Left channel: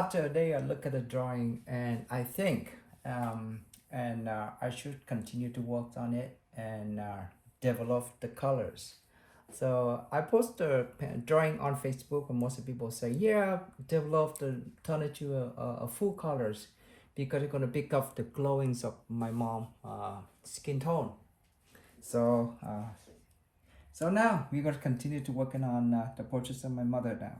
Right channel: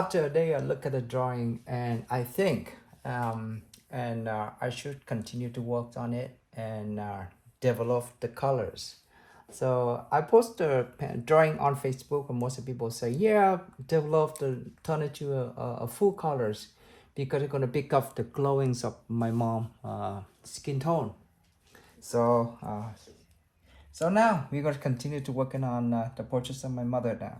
after a day, I look at the drawing and I think, and I should continue to work on it and develop the colors. So I post the drawing on Facebook, and most of people say, "Yeah, develop the turn it to a full colors because it's gonna pick up the glowings of my mom skin tone." So so now we're going to continue to working on the portraits of my mother now.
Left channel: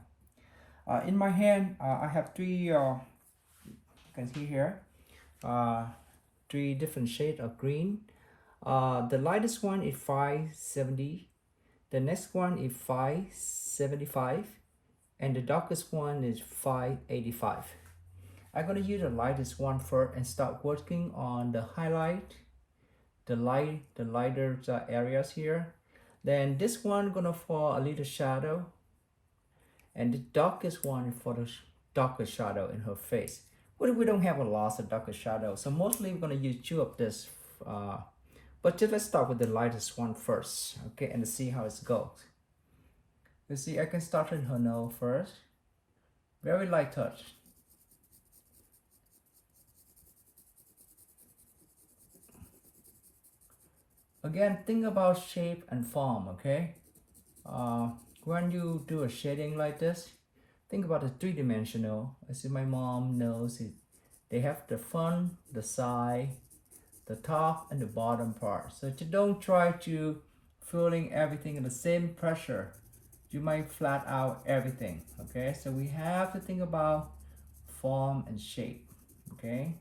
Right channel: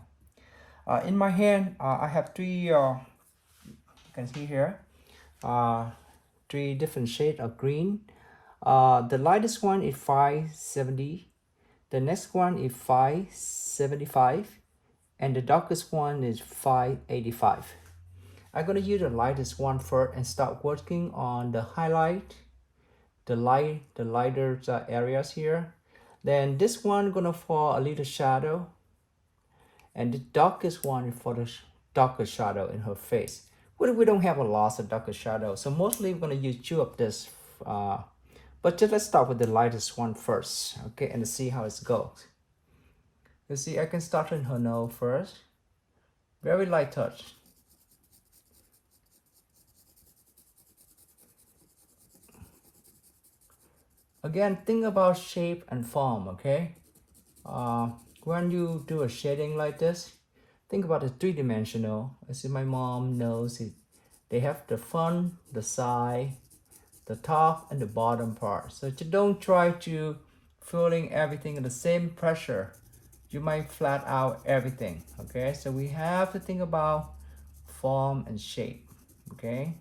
In my hand, I have three. You can see here, uh, three different shades of green. The lightest one is 570. The next one is 575, and the darkest one is 585. I'm gonna use the lightest one first and start working on the highlight, the lighter areas here. Then this one gonna fall a little shadow, and the darkest one for the darker shadow in her face. We don't have a lot of darker shadow, so mostly we're gonna use two of this. But just let's start with the lightest one first, okay, and see how it goes. You see, I can start in her nose first. Very light touch. Again, think about shape and form, okay? When you do a shading like this, think about the three-dimensional. I see my mom knows it. They have the front, the side, the top, and the bottom part. So you don't try to filling everything in the same pressure. You might flat out everything, okay? So we have to think about form and shape, okay?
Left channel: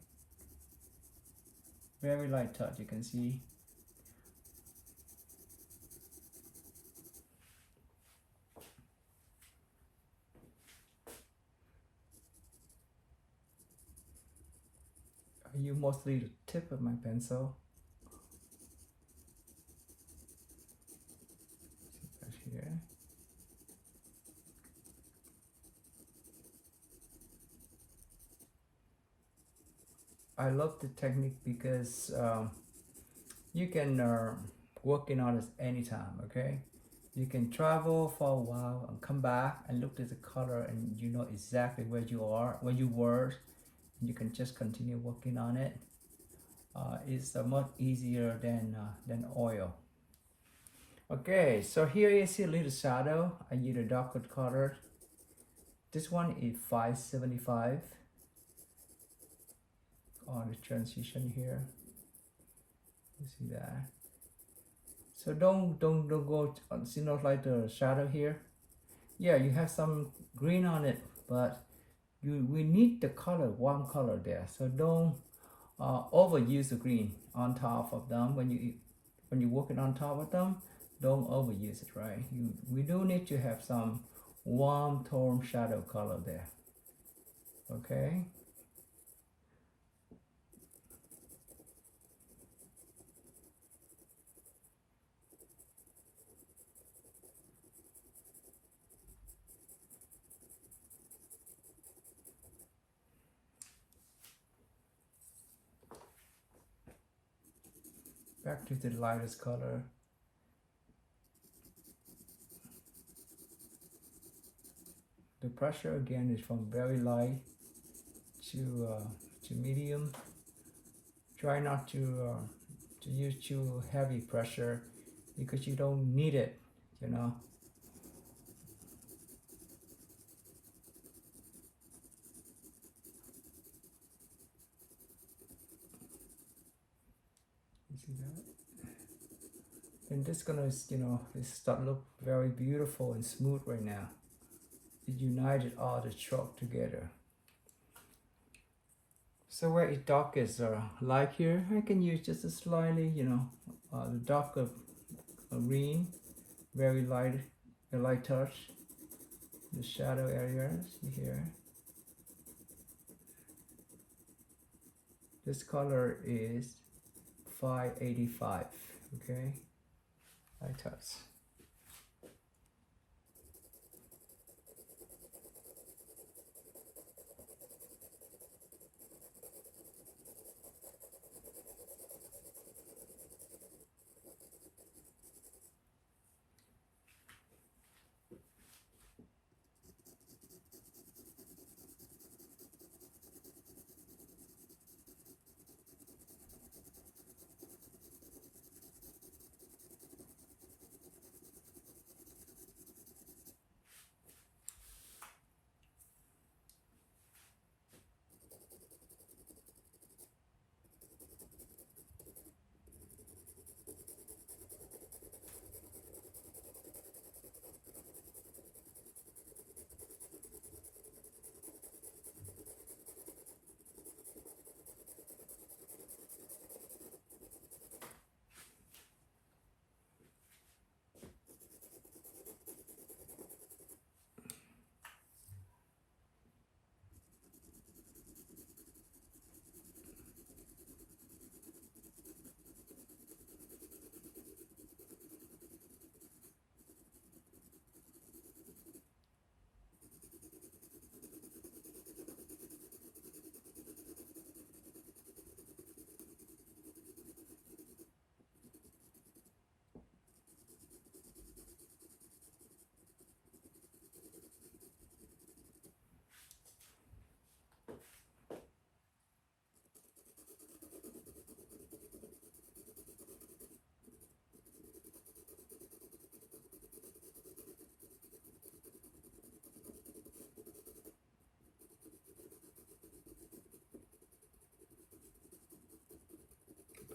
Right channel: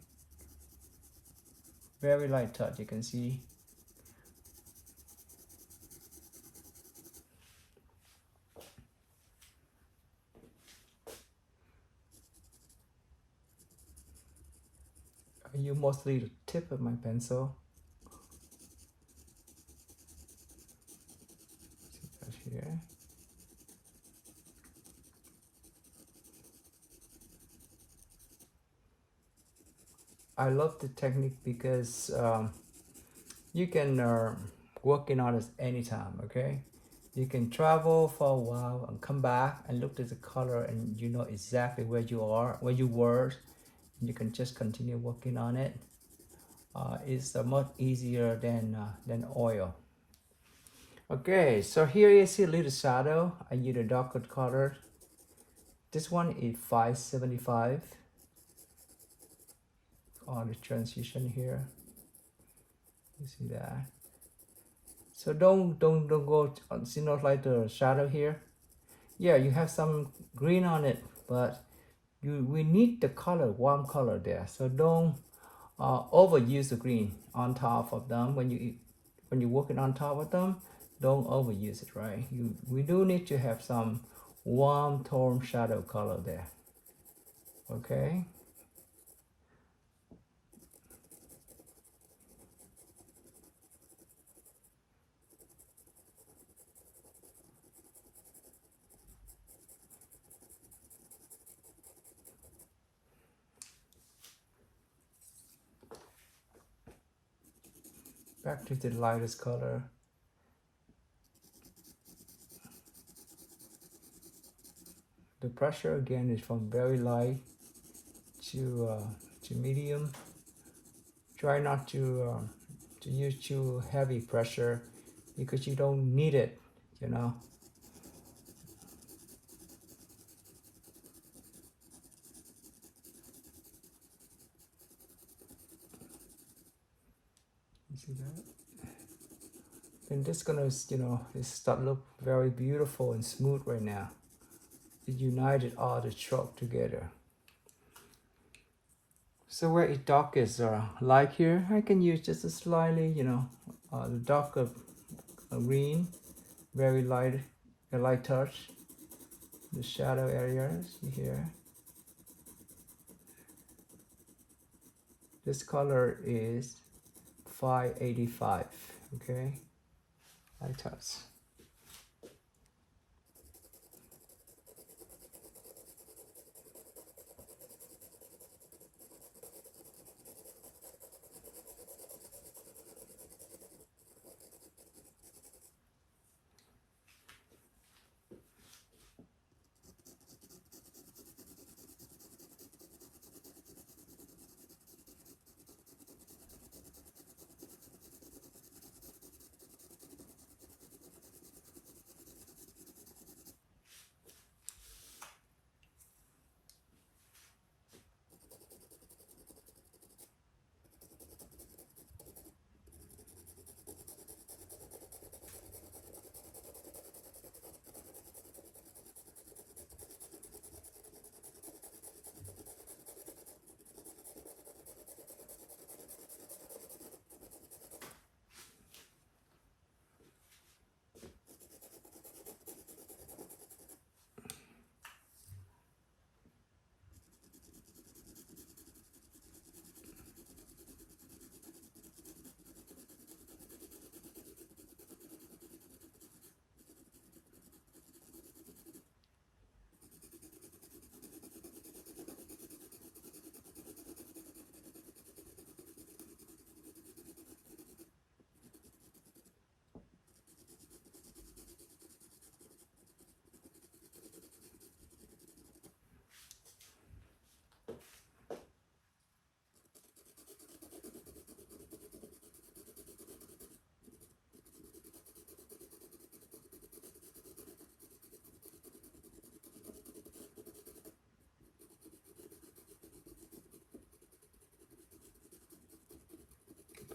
Very light touch, you can see. I use mostly the tip of my pencil. See that here. I love the technique because you can work in on it anytime, okay? You can travel for a while and come back and look at the color and you know exactly where you are, where you were. You can just continue working on it. It's much easier than oil. Okay, so here you see a little shadow. I use a darker color. This one is 575 on the transition here. You see that? So don't go on, see not like the shadow here. Yeah, you have some green on it, but we need the color, warm color there. So don't overuse the green on top of them when you're working on top of them. Don't overuse it, right? We do need to have some warm tone shadow color there. Okay. Back to the lightest color. The pressure again is from very light to medium. Try not to use too heavy pressure because you don't need it, you know. You see that? And this gonna, you know, it start look very beautiful and smooth right now. It united all the stroke together. So where it darkest light here, I can use just a slightly, you know, the darker green, very light, a light touch. The shadow areas here. This color is 585, okay? Light touch.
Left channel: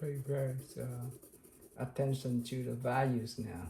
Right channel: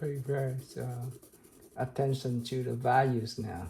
pay very attention to the values now.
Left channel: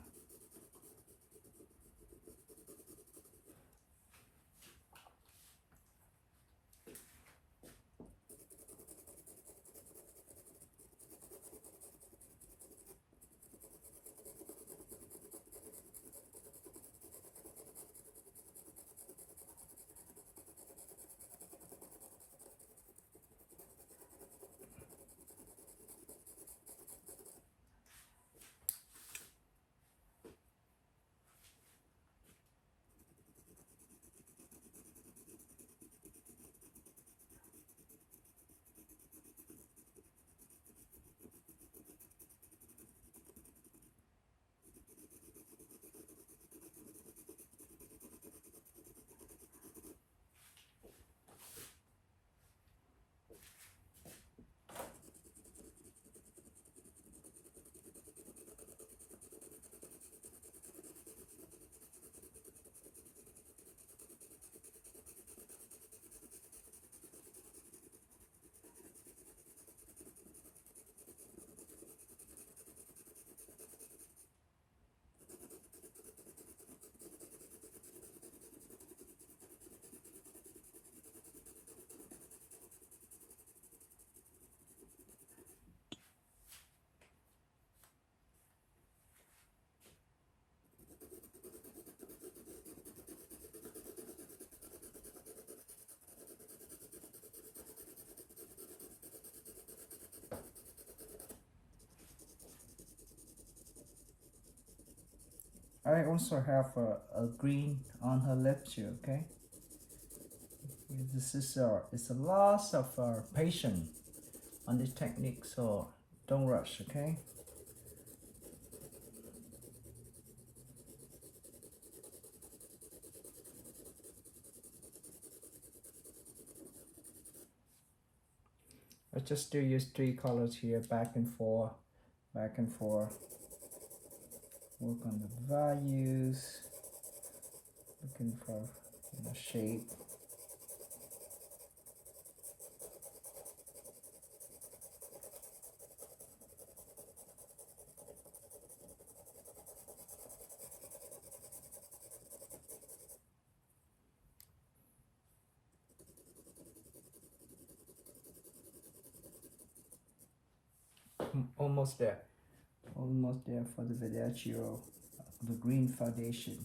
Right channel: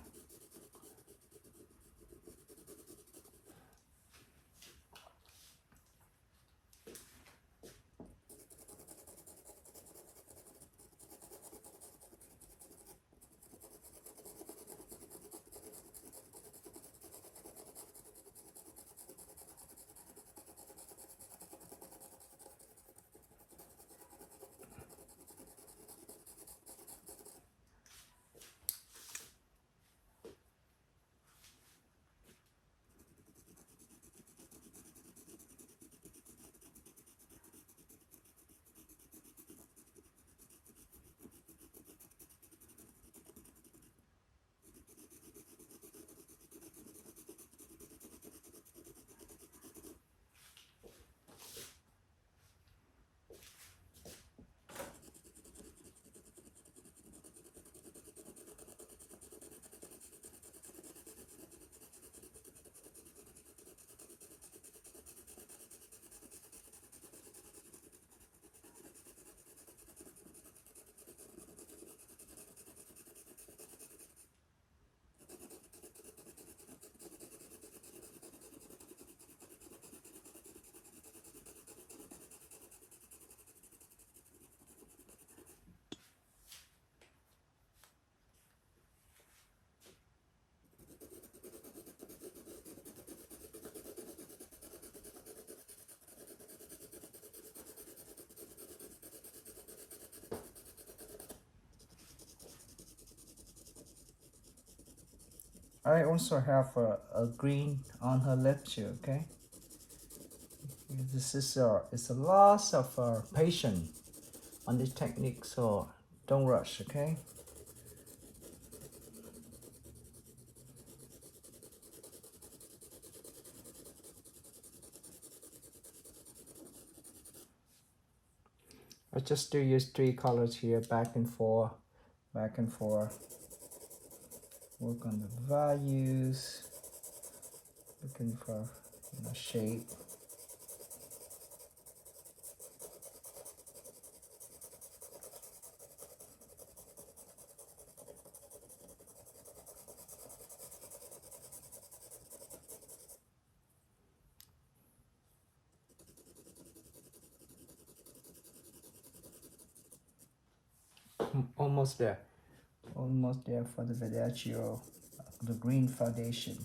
I also have a green on her lip too, okay? This is it's a loss of patience on this technique, so don't rush, okay? I just do use three colors here, back and forth, back and forth. Work on the values, looking for shape. Almost there. Almost there for the Verdacio, the green foundation.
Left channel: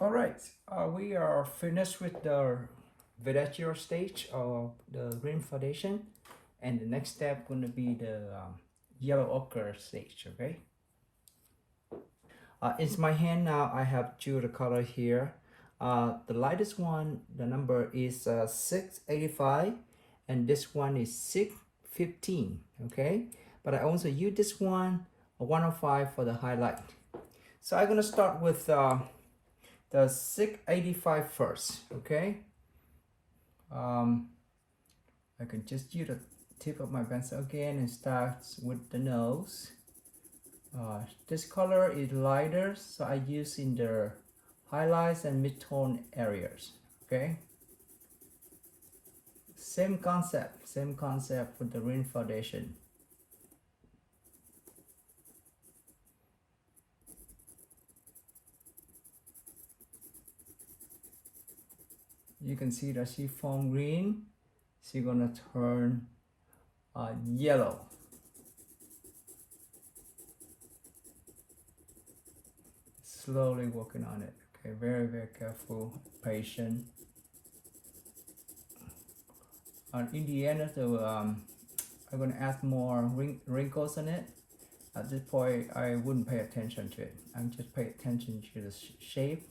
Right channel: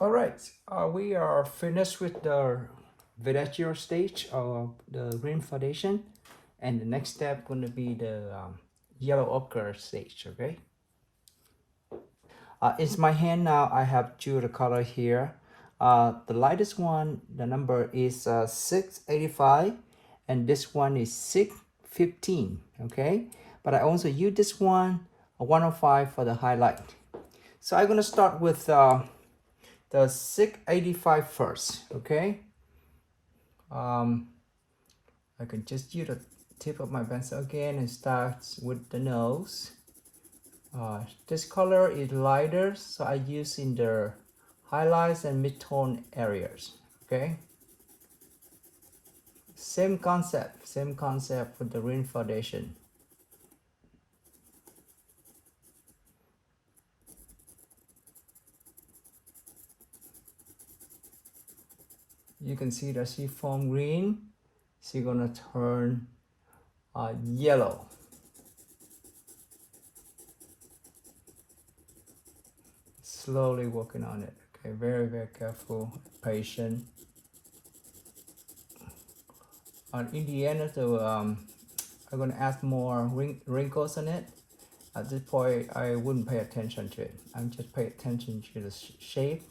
All right, we are finished with the Verdacio stage of the green foundation, and the next step going to be the yellow ochre stage. Okay. In my hand now, I have two the color here. The lightest one, the number is 685, and this one is 615. Okay, but I also use this one 105 for the highlight. So I'm gonna start with the 685 first. Okay. um, I can just use the tip of my pencil again and start with the nose. This color is lighter, so I use in the highlights and mid-tone areas. Okay, same concept for the green foundation. You can see the seafoam green. She's gonna turn yellow. Slowly working on it. Okay, very careful, patient. In the end, so I'm gonna add more wrinkles on it. At this point, I wouldn't pay attention to it. I'm just pay attention to the shape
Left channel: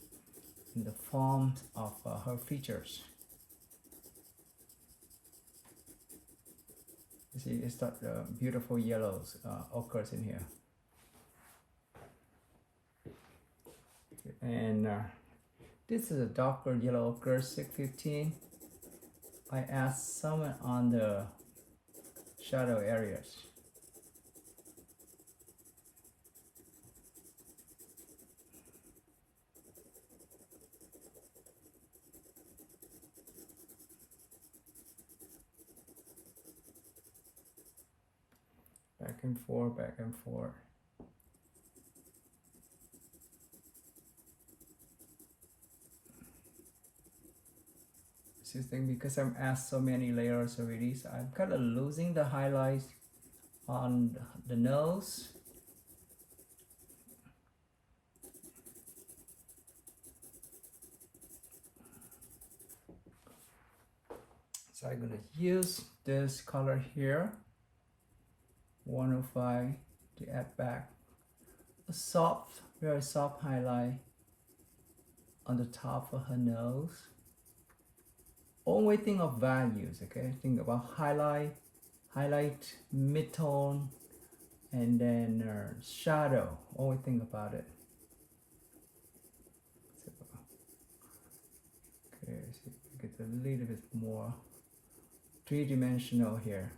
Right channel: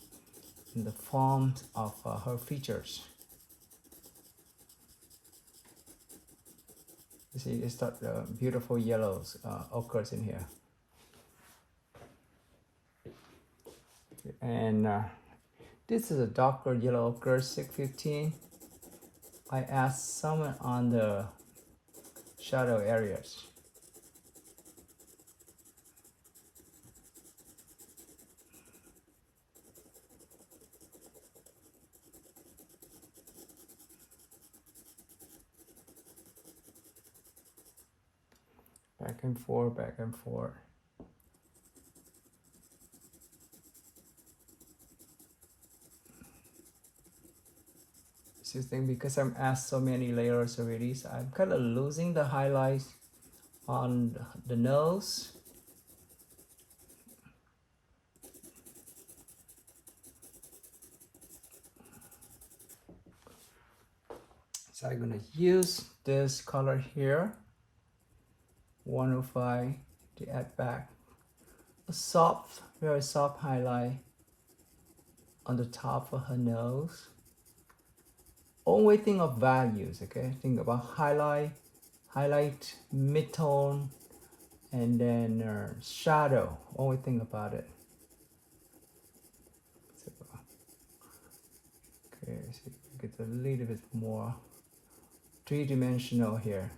and the form of her features. You see, it's got beautiful yellows occurs in here. And this is a darker yellow ochre 615. I add some on the shadow areas. Back and forth, back and forth. This thing, because I'm asked so many layers already, so I'm kind of losing the highlights on the nose. So I'm gonna use this color here, 105, to add back a soft, very soft highlight on the top of her nose. Only think of values, okay? Think about highlight, mid-tone, and then shadow. Only think about it. So, okay, so get a little bit more three-dimensional here.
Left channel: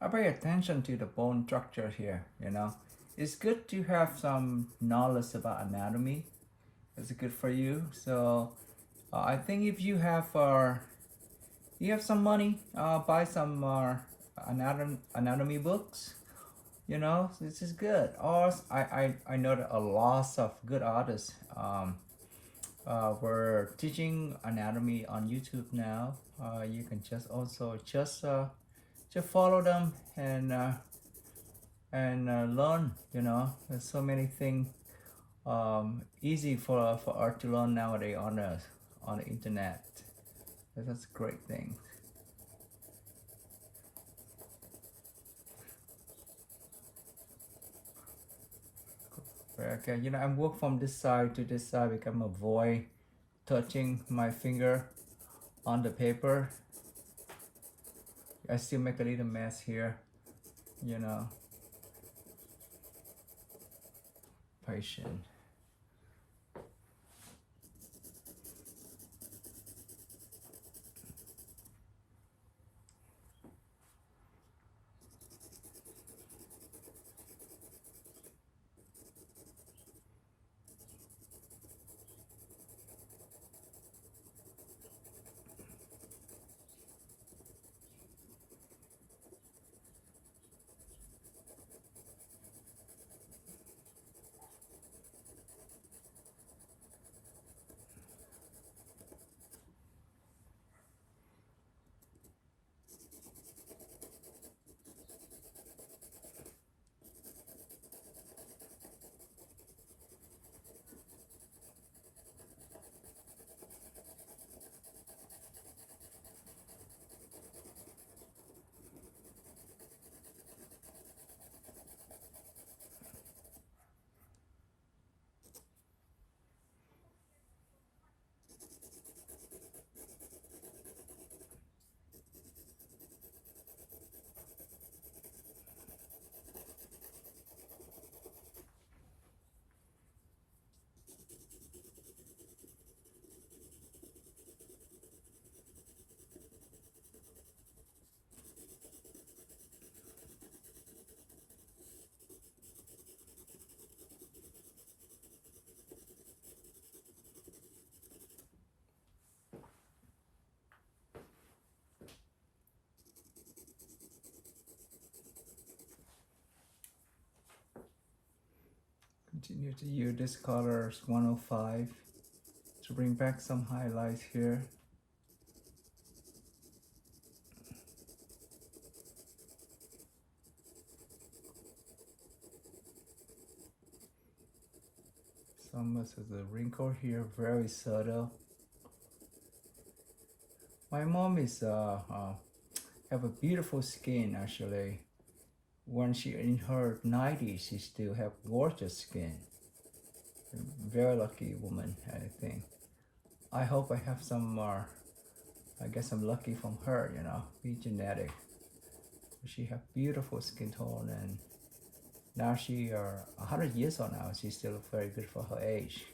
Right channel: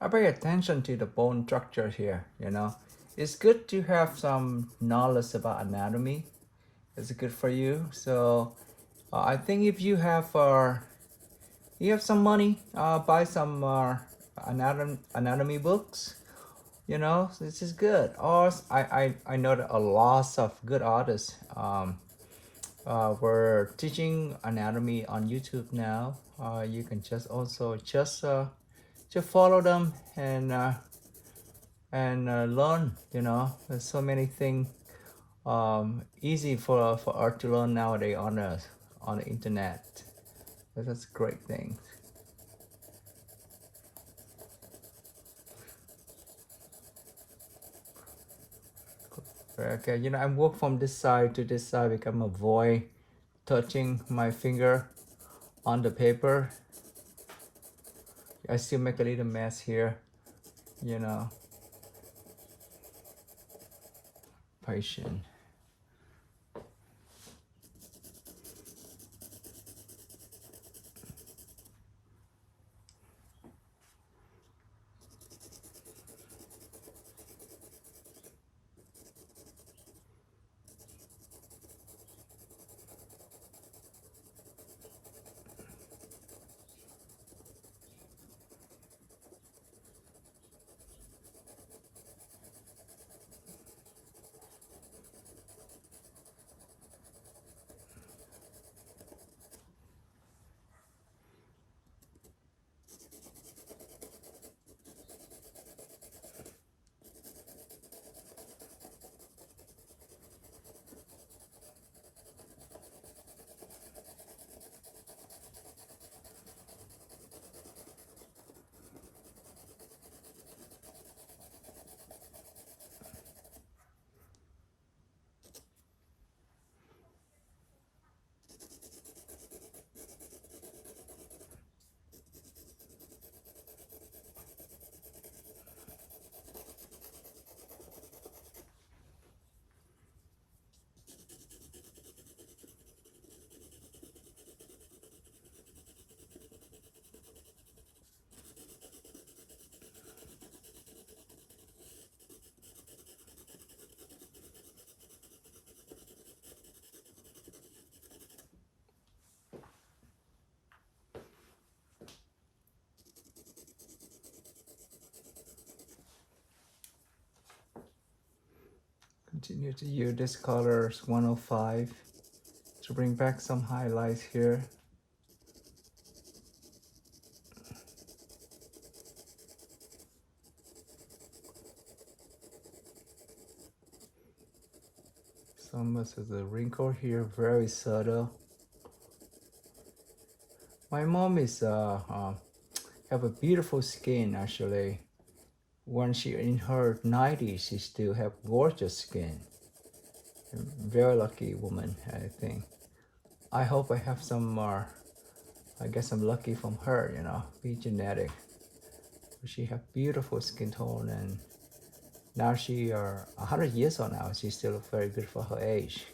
I pay attention to the bone structure here, you know. It's good to have some knowledge about anatomy. It's good for you. So I think if you have some money, buy some anatomy books. You know, this is good. Or I know that a lot of good artists were teaching anatomy on YouTube now. You can just also just follow them and learn. You know, there's so many things easy for art to learn nowadays on the internet. That's a great thing. Okay, you know, I'm work from this side to this side because I'm avoid touching my finger on the paper. I still make a little mess here, you know. Patient. Continue to use this color 105 to bring back some highlights here. Some of the wrinkle here, very subtle. My mom is have a beautiful skin actually. When she in her 90s, she still have gorgeous skin. Very lucky woman, I think. I hope I have some more. I guess I'm lucky from her, you know, be genetic. She have beautiful skin tone, and now she are 100 years old now. She still look very good for her age.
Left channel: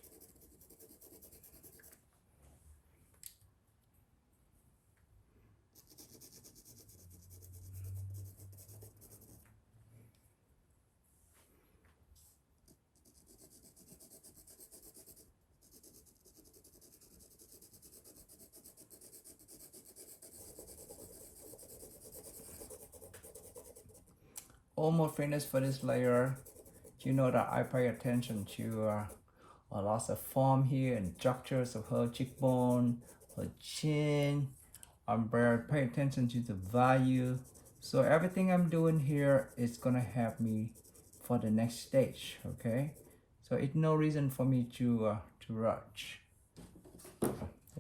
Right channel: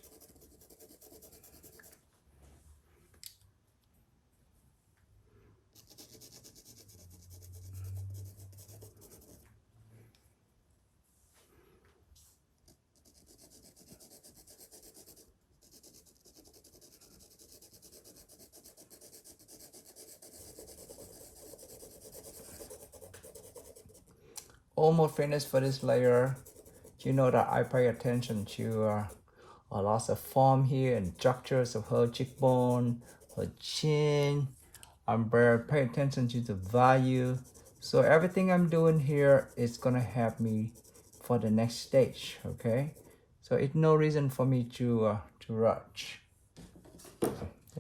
Almost finished for this layer. You know that I pay attention to a lot of form here and structures of her cheekbone, her chin. I'm very pay attention to the value. So everything I'm doing here is gonna help me for the next stage. Okay, so it's no reason for me to rush. You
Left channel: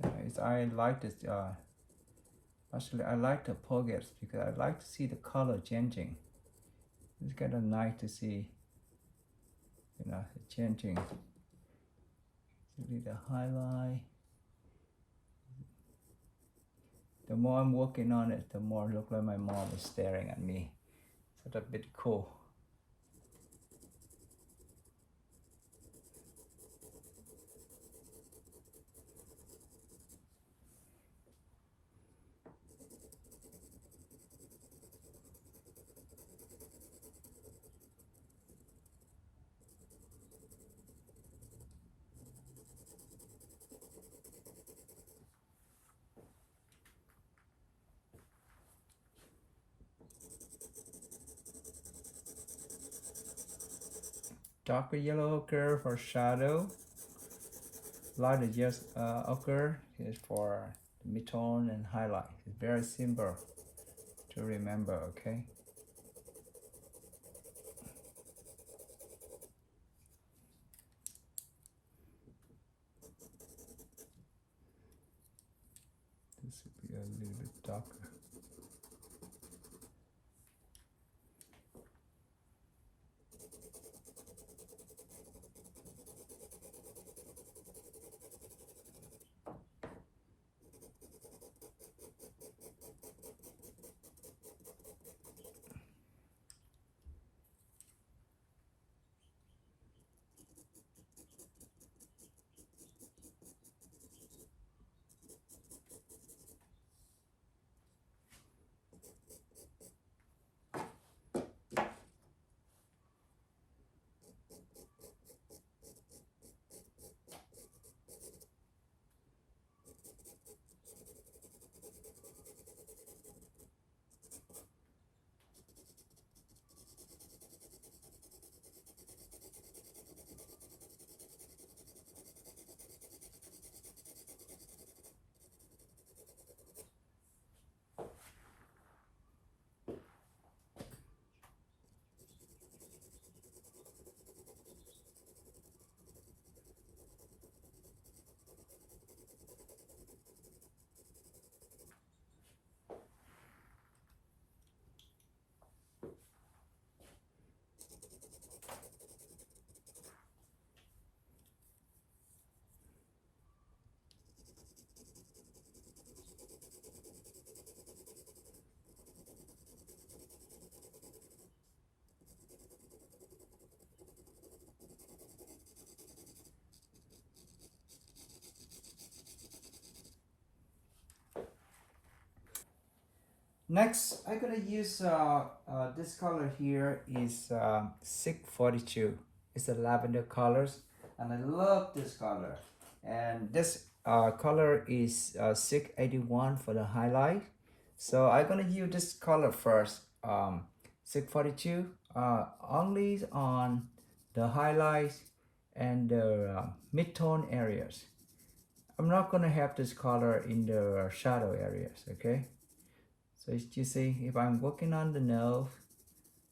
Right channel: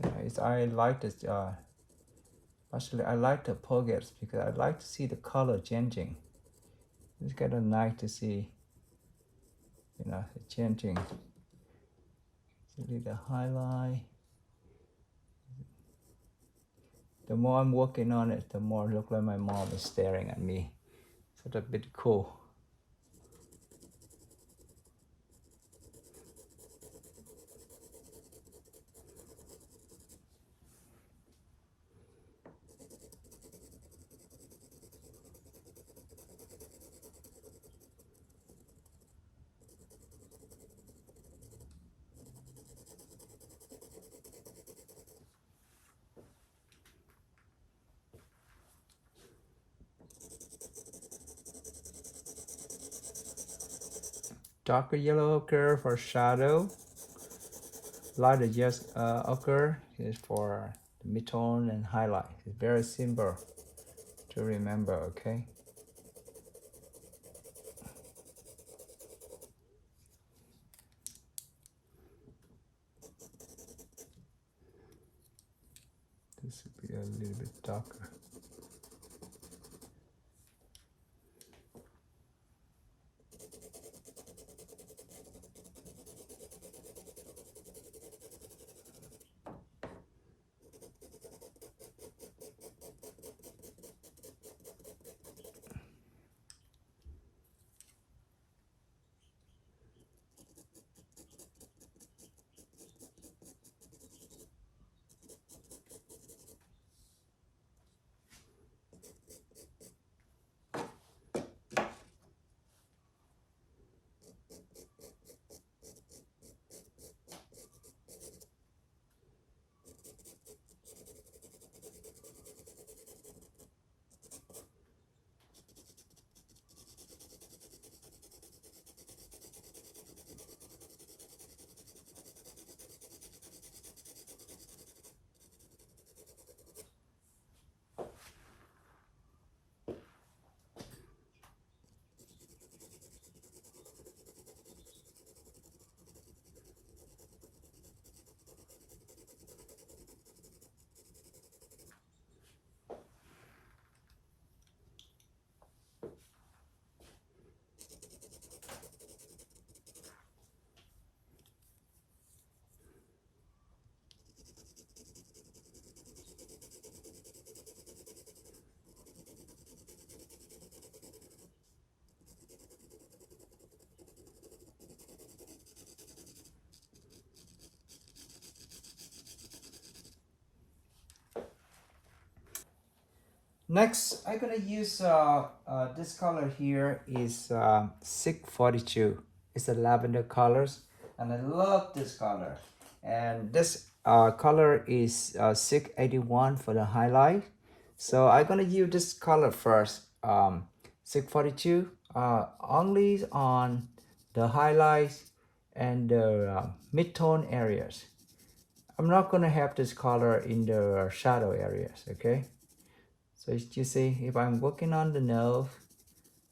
know, I like this. Actually, I like the pockets because I like to see the color changing. It's kind of nice to see, you know, the changing. See the highlight. The more I'm working on it, the more it looks like my mom is staring at me. So that's a bit cool. Darker yellow ochre for shadow. Lighter yellow ochre is for the mid-tone and highlight. It's very simple to remember, okay? This would be a little bit darker. Next, I'm gonna use this color here is 642. It's a lavender colors, and I love this color. And this color is 681 for the highlight. So I'm gonna use this color first. 642 only on the highlights and the mid-tone areas. I'm not going to have this color in the shadow areas, okay? So you see, if I'm working on the nose,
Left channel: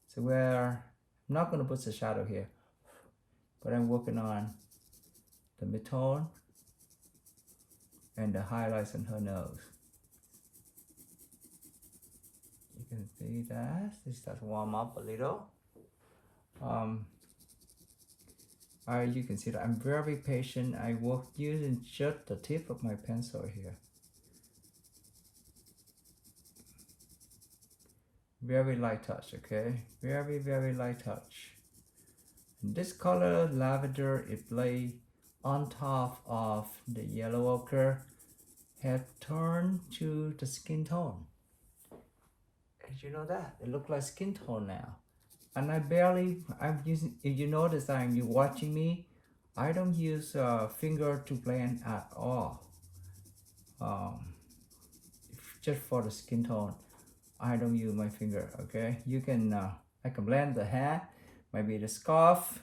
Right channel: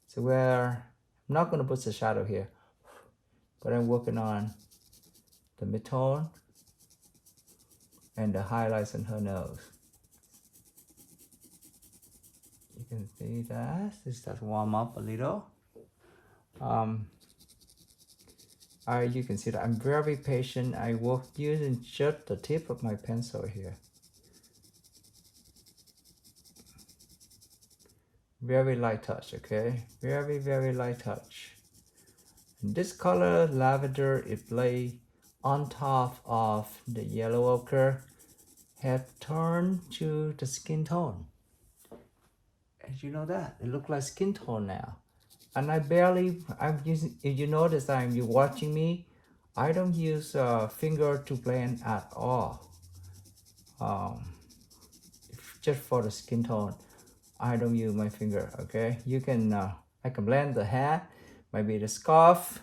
so where I'm not going to put the shadow here, but I'm working on the mid-tone and the highlights on her nose. You can see that this does warm up a little. You can see that I'm very patient. I work using just the tip of my pencil here. Very light touch, okay? Very light touch. And this color, lavender, it lay on top of the yellow ochre, have turned to the skin tone. As you know that, it looks like skin tone now. And I'm using, if you notice you're watching me, I don't use a finger to blend at all. Just for the skin tone, I don't use my finger, okay? You can, I can blend the hair, maybe the scarf,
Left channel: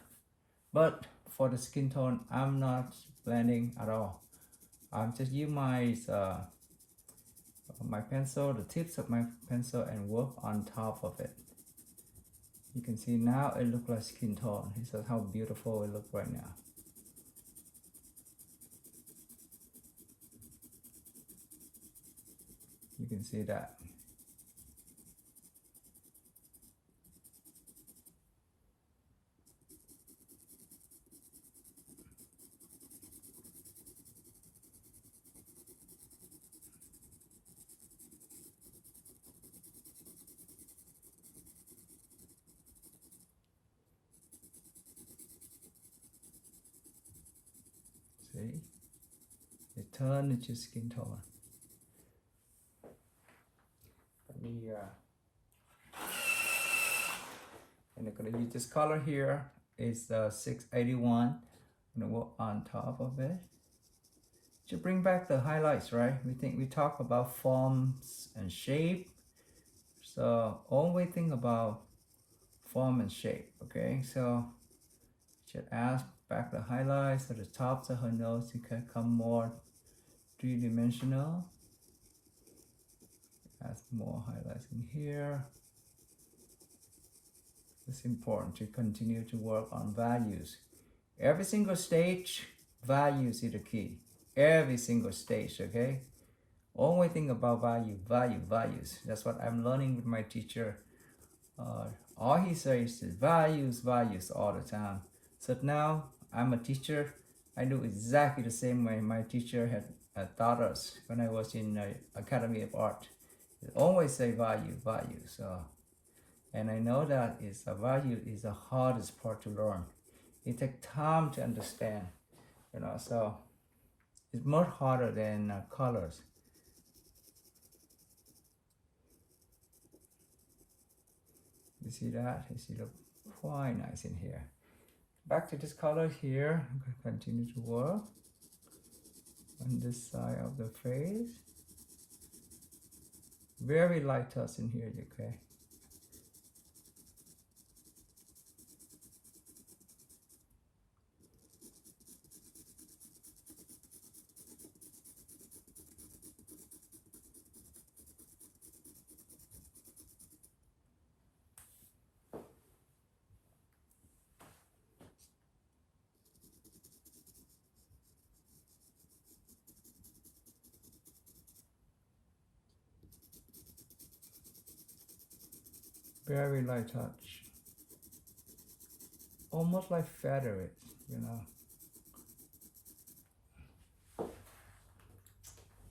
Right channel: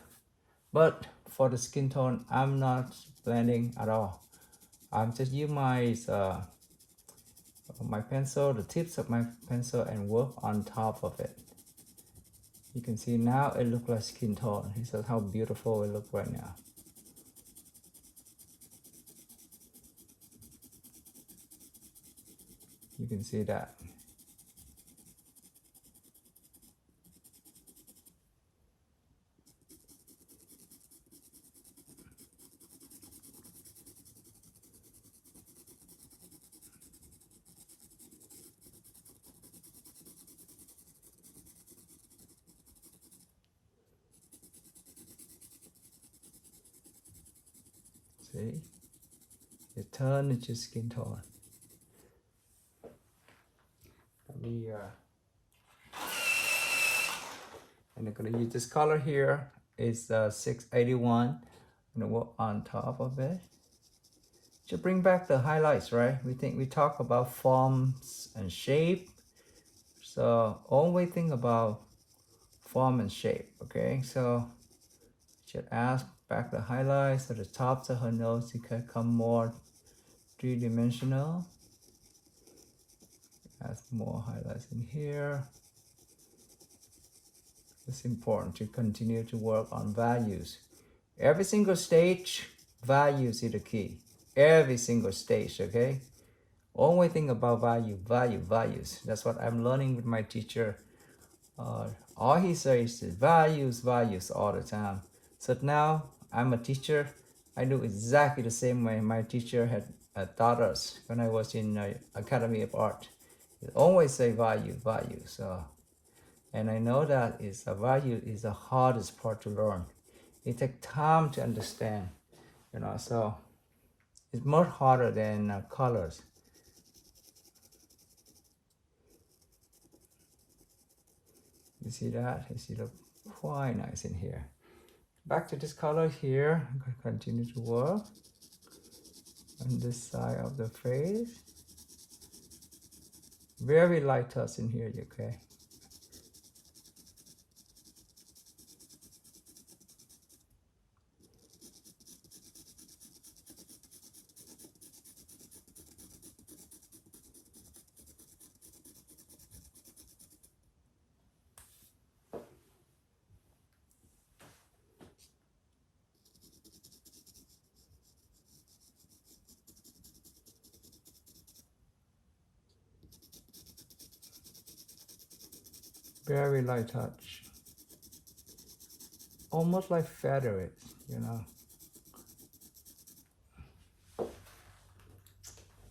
but for the skin tone, I'm not blending at all. I'm just use my pencil, the tips of my pencil, and work on top of it. You can see now it looks like skin tone. This is how beautiful it looks right now. You can see that. See? It turned into skin tone. And I'm gonna use this color here. It's 681. I'm gonna work on top of it to bring back the highlights, right? We talk about forms and shape. So always think about form and shape, okay? So should add back the highlights at the tops of her nose to become more three-dimensional. Add more highlights in here. It's important to continue to work on values. Every single stage, values is the key. Every single stage, okay? Always think about values. That's what I'm learning with my teacher. All he says is values all the time. So now I'm a teacher. I do exactly the same way my teacher had taught us when I was in Academy of Art. He always say value. So, and I know that is a value is the hardest part to learn. It takes time to understand, you know. So it's much harder than colors. You see that? You see, look quite nice in here. Back to this color here. I'm going to continue to work on this side of the face. Very light touch in here, okay? Very light touch. Almost like feather it, you know. And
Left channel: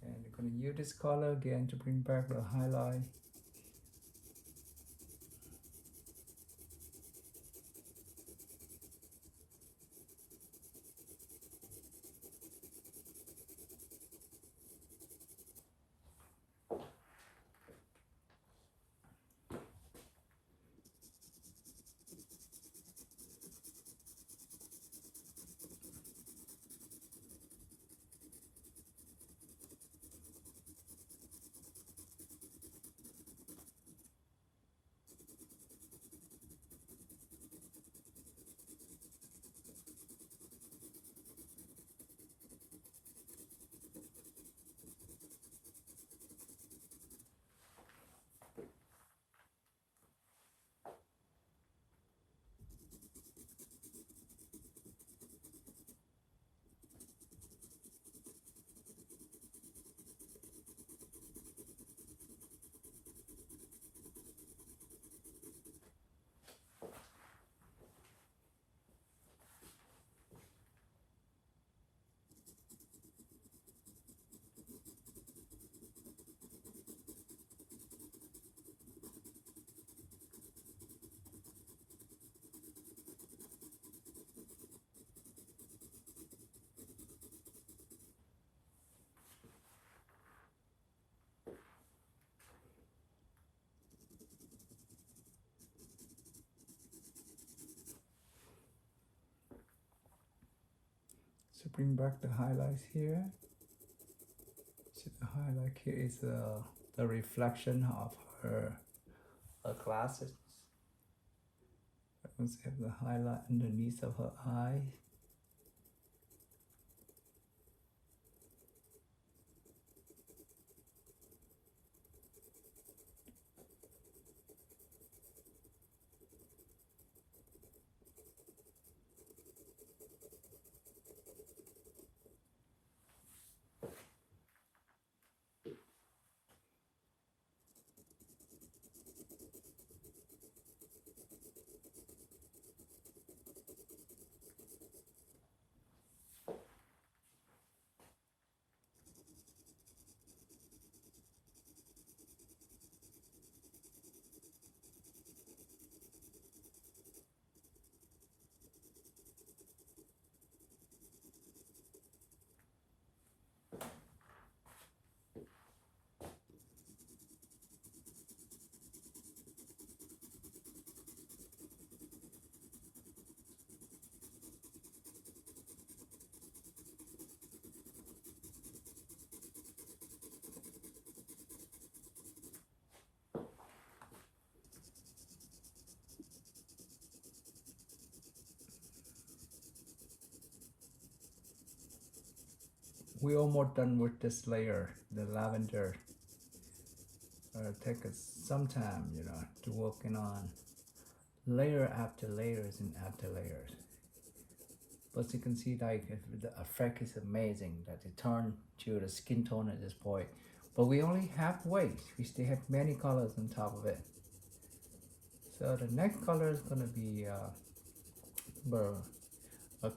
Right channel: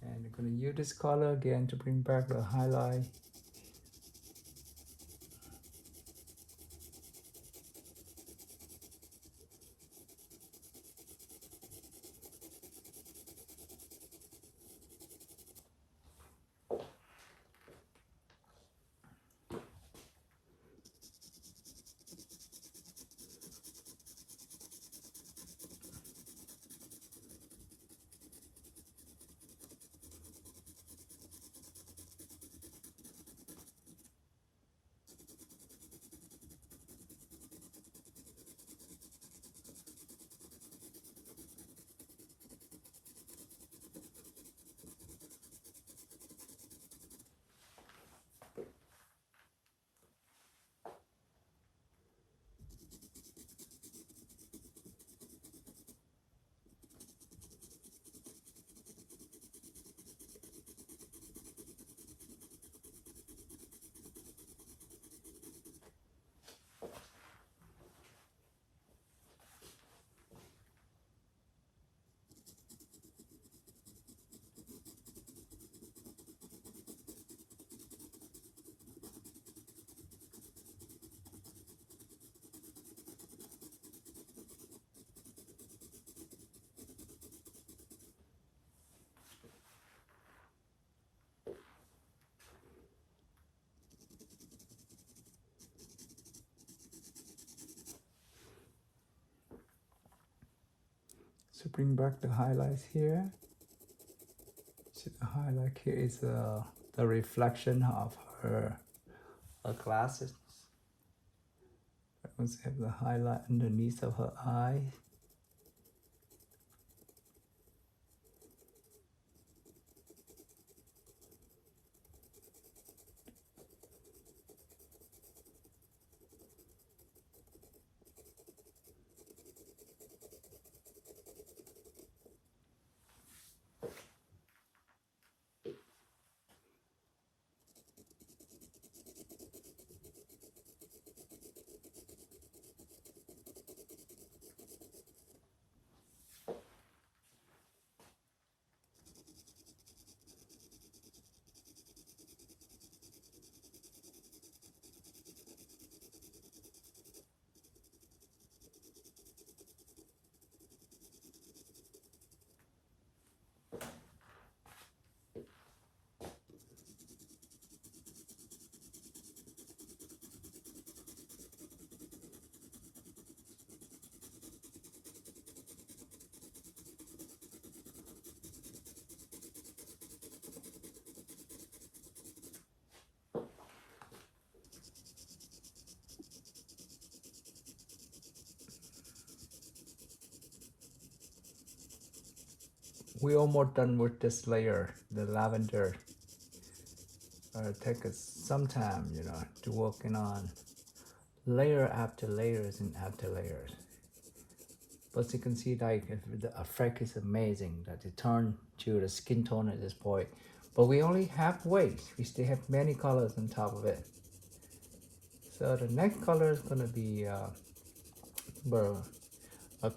I'm going to use this color again to bring back the highlight. to bring back the highlights here. So the highlight here is the reflection of her glasses. Let's have the highlight underneath of her eye. We're almost done with this layer, the lavender. Take us some time, you know, to working on layer after layers and after layers. But you can see like the effect is amazing that it turned to the skin tone at this point. But we only halfway. We still have many colors on top of it. So the next color is gonna be a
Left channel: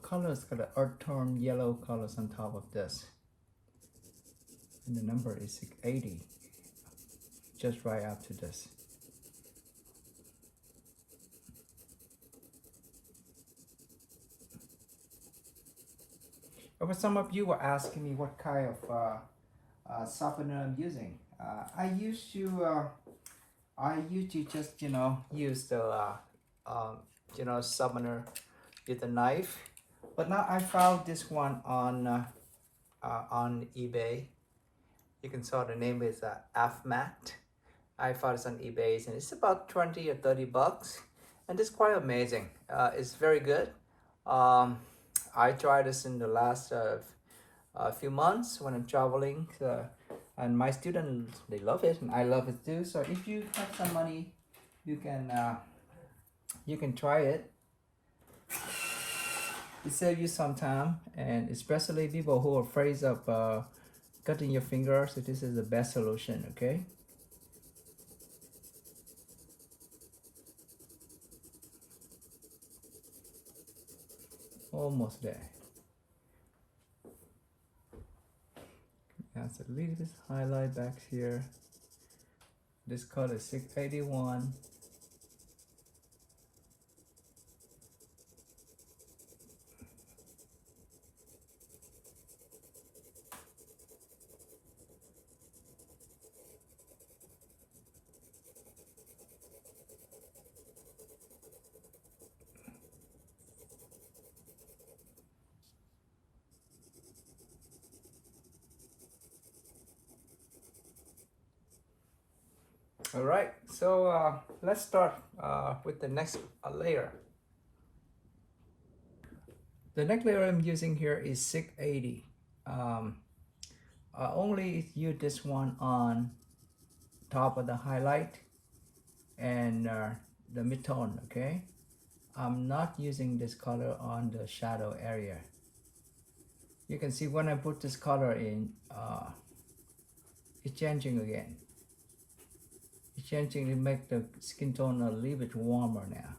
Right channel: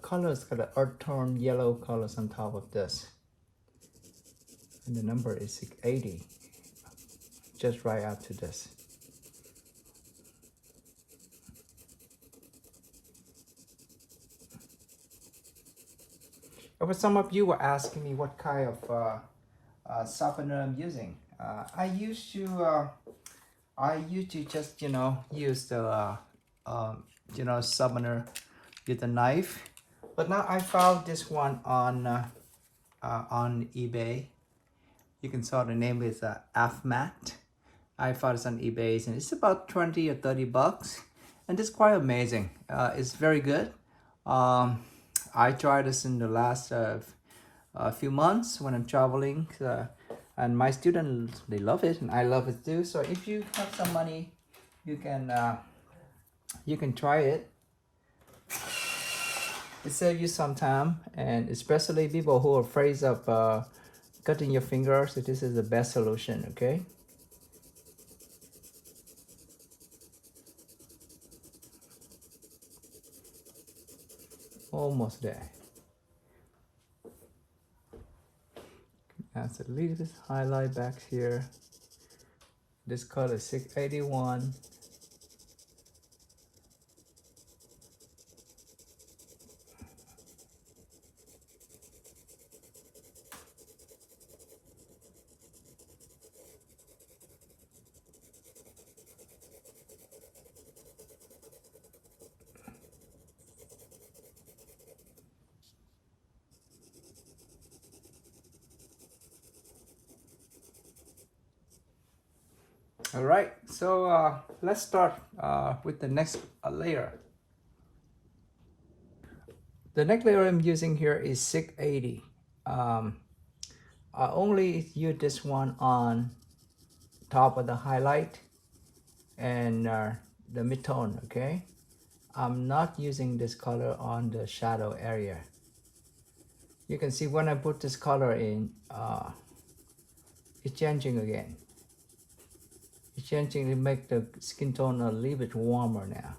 color is got an earth tone yellow colors on top of this. And the number is 680. Just right after this. But some of you were asking me what kind of softener I'm using. I used to just, you know, use the you know, softener with a knife. But now I found this one on eBay. You can saw the name is AFMAT. I found it on eBay and it's about 20 or 30 bucks, and it's quite amazing. It's very good. I tried this in the last few months when I'm traveling, and my students, they love it and I love it too. So if you have some money, you can try it. It saves you some time, and especially people who are afraid of cutting your fingers, so this is the best solution. Okay. Almost there. Add a little bit highlight back here. This color is 681. All right, so let's start with the next layer. The next layer I'm using here is 680. I only use this one on top of the highlight and the midtone, okay? I'm not using this color on the shadow area. You can see when I put this color in, it's changing again. It's changing to make the skin tone a little bit warmer now.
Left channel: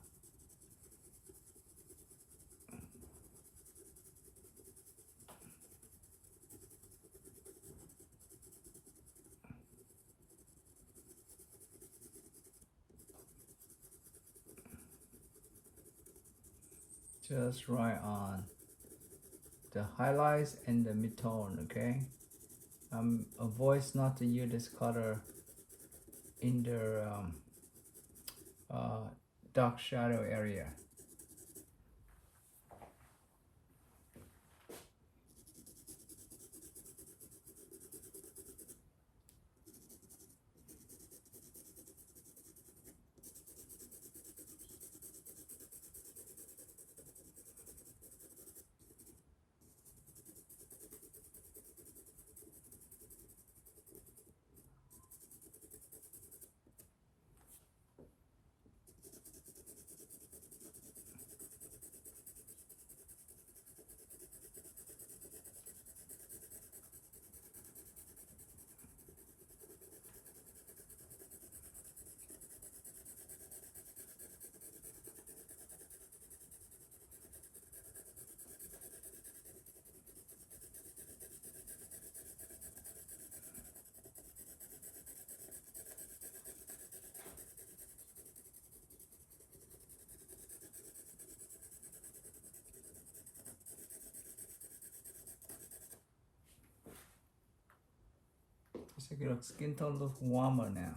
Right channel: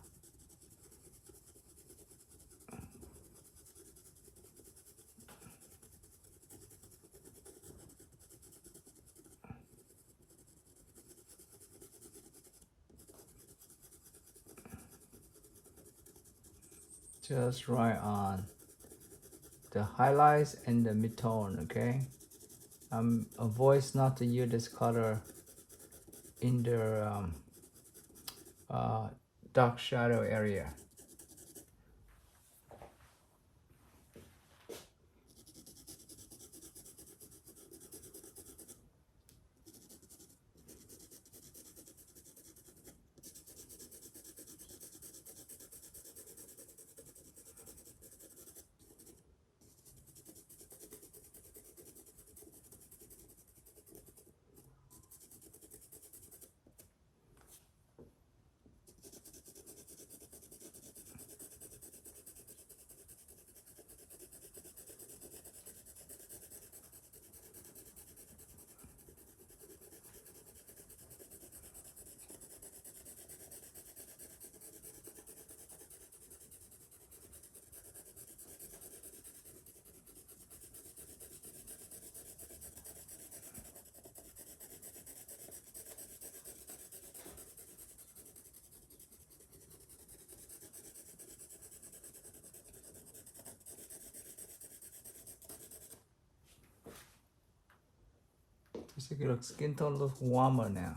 Just right on the highlights and the midtone, okay? Avoid not to use this color in the dark shadow area. Skin tone looks warmer now.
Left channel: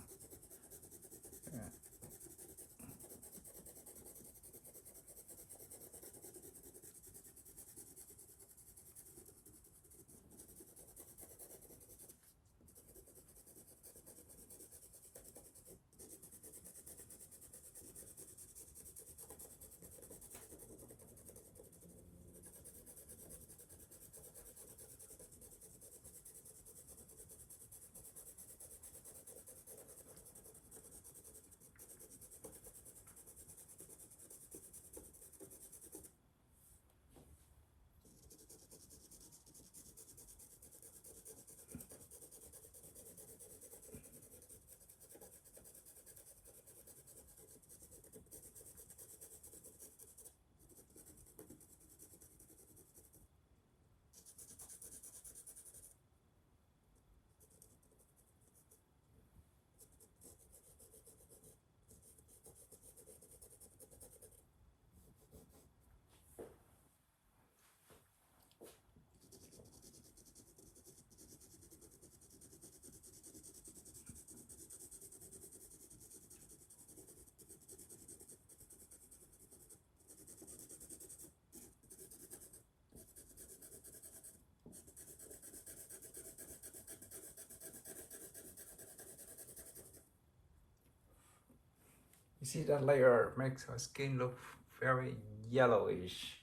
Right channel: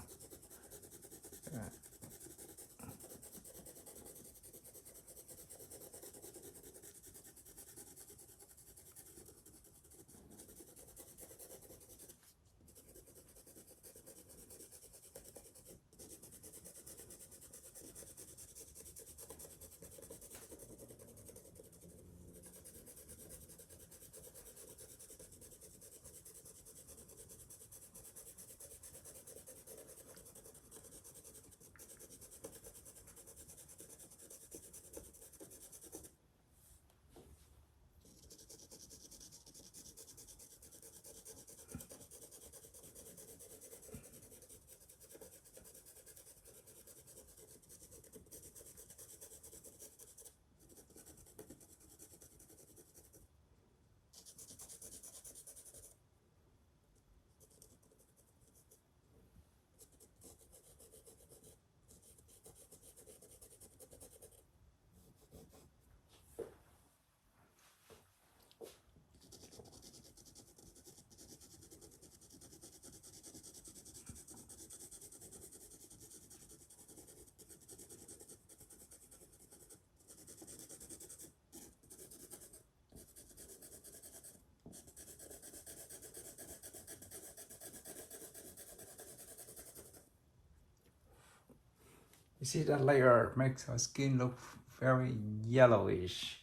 You see that layer makes our skin look very yellowish,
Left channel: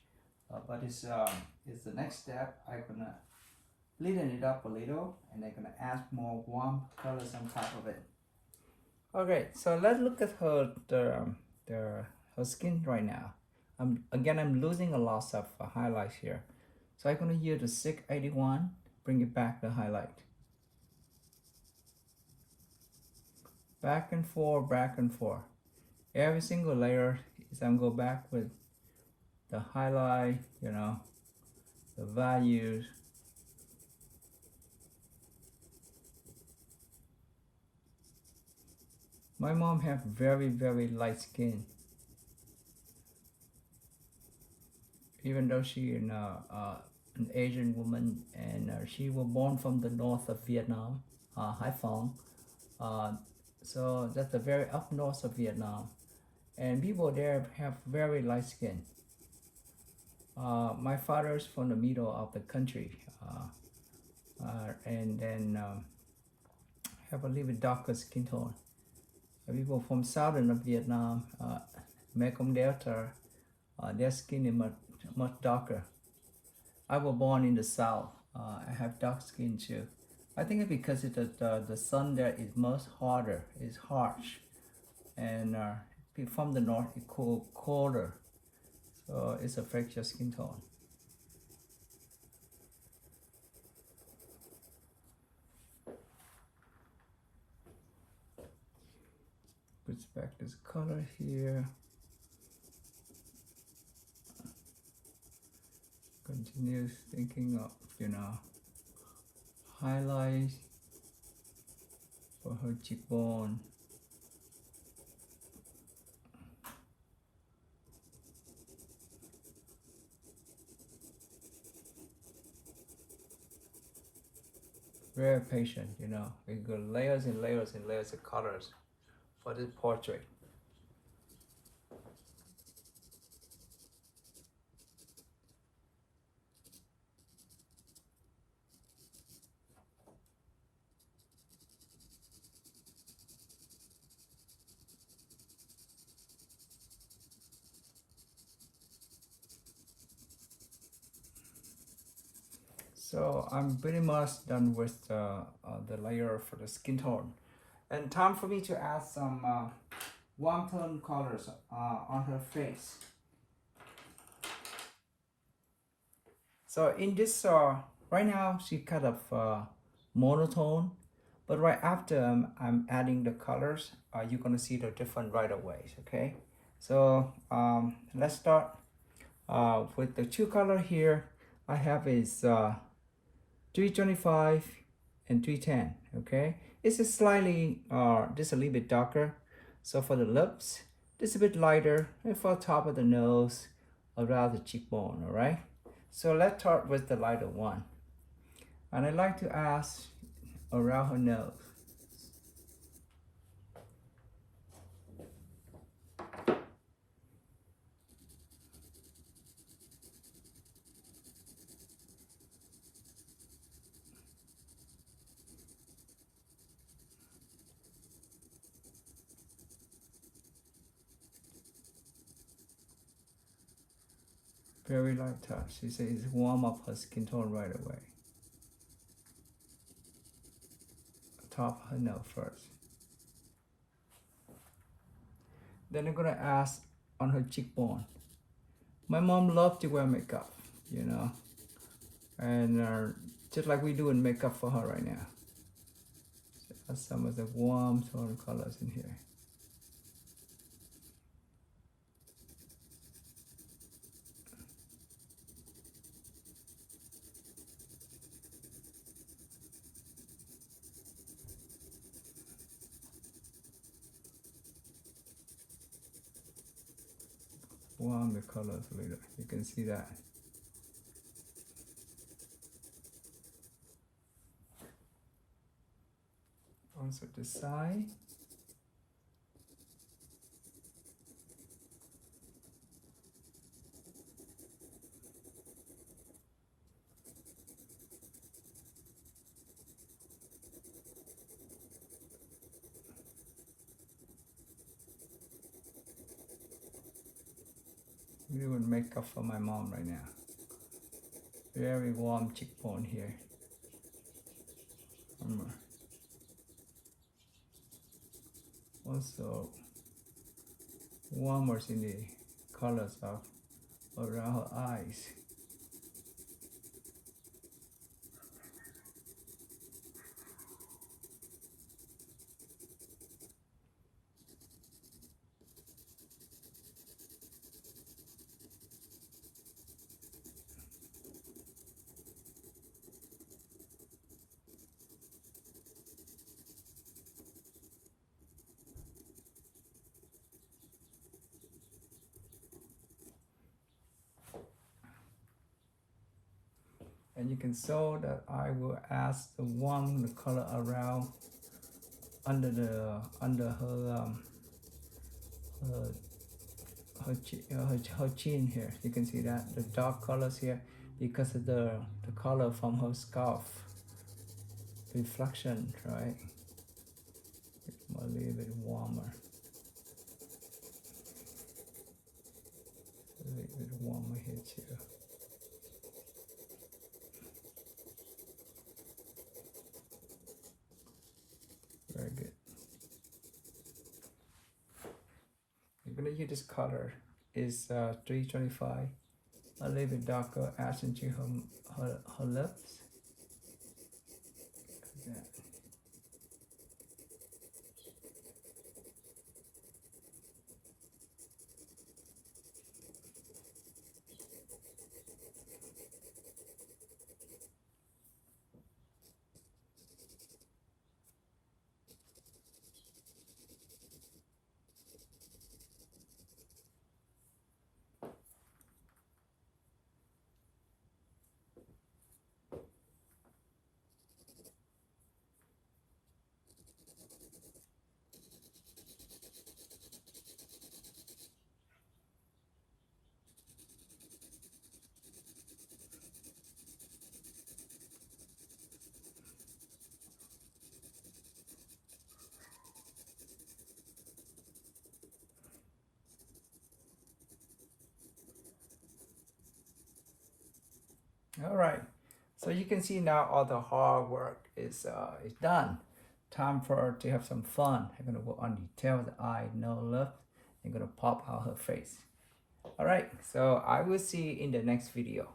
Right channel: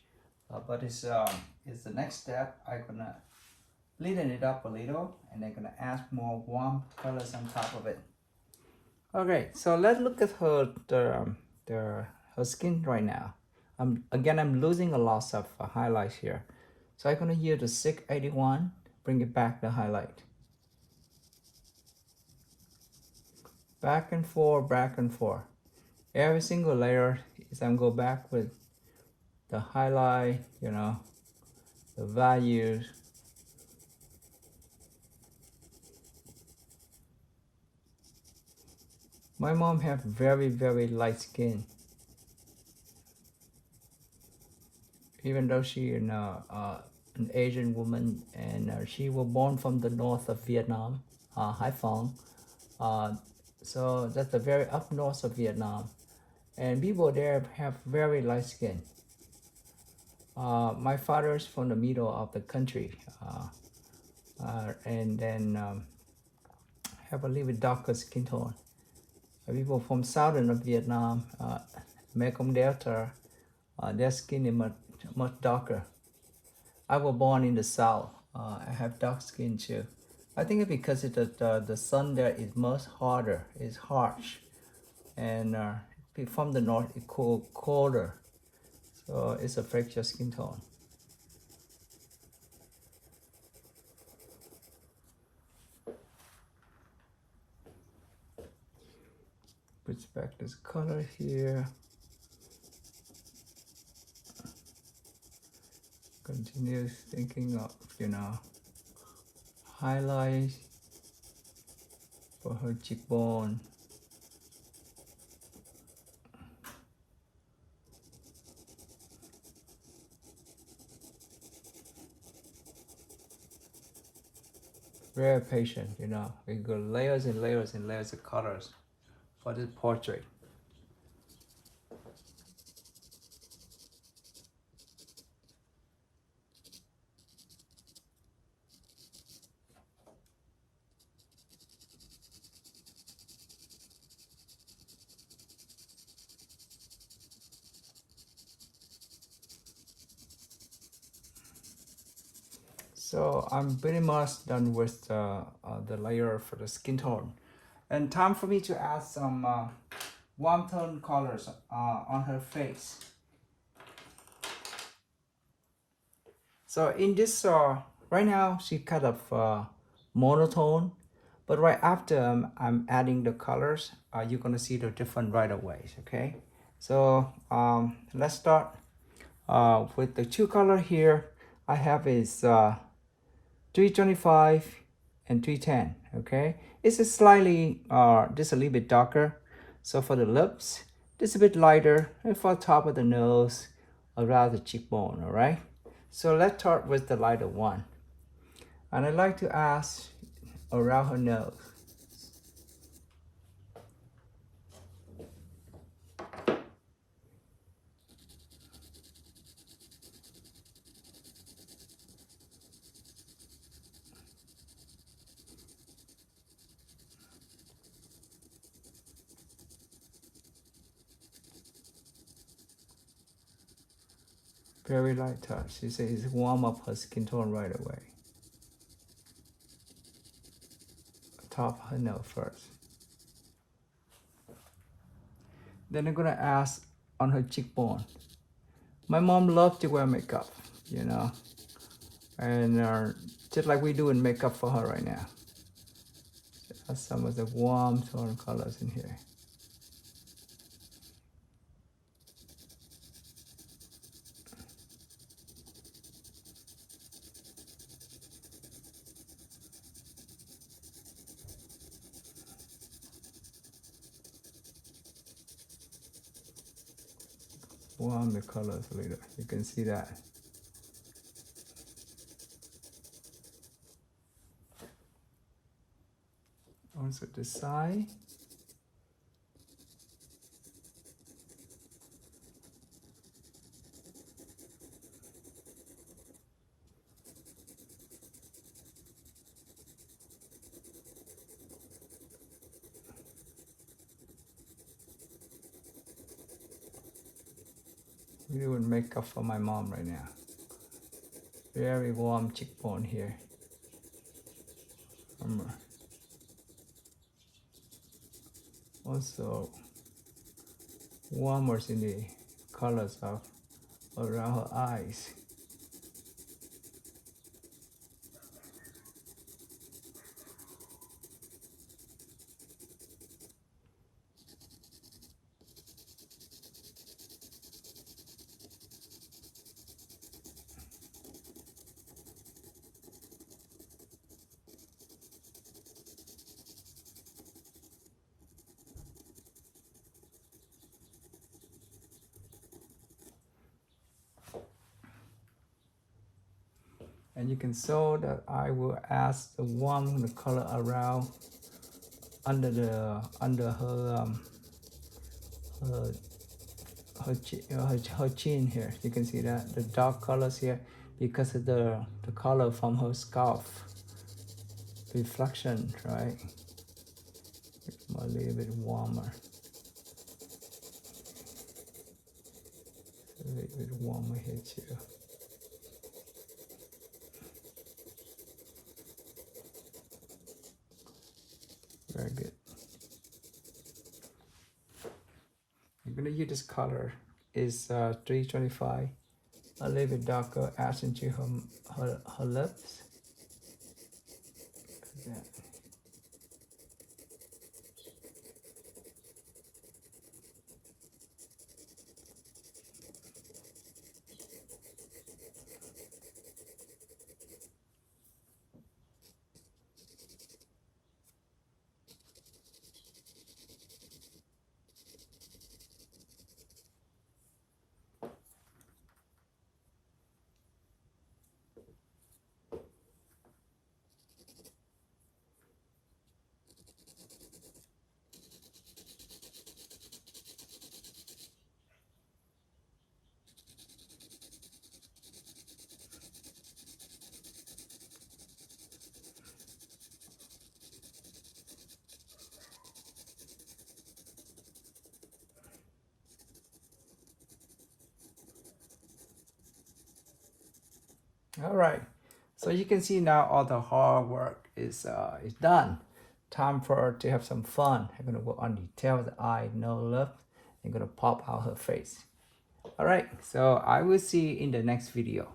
but it's the next step. I'm gonna lighten it up a little, and I'm gonna add more warm colors on top of it. Okay, so let's look at her skin right now. I'm losing a lot of highlights here, so I'm gonna use the 681, bring it back the highlight. Back and forth, back and forth. Every single layer is I'm go back with the highlight, you know, the values. My mom have very, very light skin. Even though she an Asian woman, and she was born from the north of Vietnam, Hải Phòng. So that's the very up north of Vietnam. And people there have very light skin. My father's from the middle of the country, and then have a little bit darker skin tone. People from southern of Vietnam, Mekong Delta, their skin is much darker. I was born in the south. I have dark skin too. I think it's because the sun there is much harder, it's harsh, and from the north it's colder, so it's affects your skin tone. Puts back this color here. Continues thinking of, you know, highlights for her cheekbone. Very patient, you know. We go layers and layers and layers of colors for this portrait. So I'm pretty much done with the layer for the skin tone, and time for me to add some warm tone colors on her face. So in this right now she kind of monotone, but right after I'm adding the colors, you're gonna see the different right away. Okay, so let's start with the two color here. I have is 325 and 310. Okay, it's a slightly just a little bit darker. So for the lips, just a bit lighter, and for the top of the nose, around the cheekbone. All right, so let's start with the lighter one, and I like to ask around her nose. Very light touch. She says warm up her skin tone right away. Top her nose first. Then I'm gonna ask on her cheekbone. My mom loved to wear makeup, you know, and just like we do in makeup for her right now. That's some of the warm tone colors in here. Warm the colors a little. You can see that. Also the side. I'm doing makeup for my mom right now. Very warm cheekbone here. Remember. Also warmers in the colors of around her eyes. And you can show that I will ask the warm the color around under her her chin here. You can see that the dark colors here because of the color from her scalp reflection, right? It's a little bit warmer. A little bit warmer here too. Very good. I'm gonna use this color is 325, a little bit darker, add into her lips. Like that. All right, so you can see now all the hard work is done. Time for her to have some fun. I'm gonna work on detail of the eye, nose, lips. I'm gonna pop out her face. All right, so I will see you in the next video.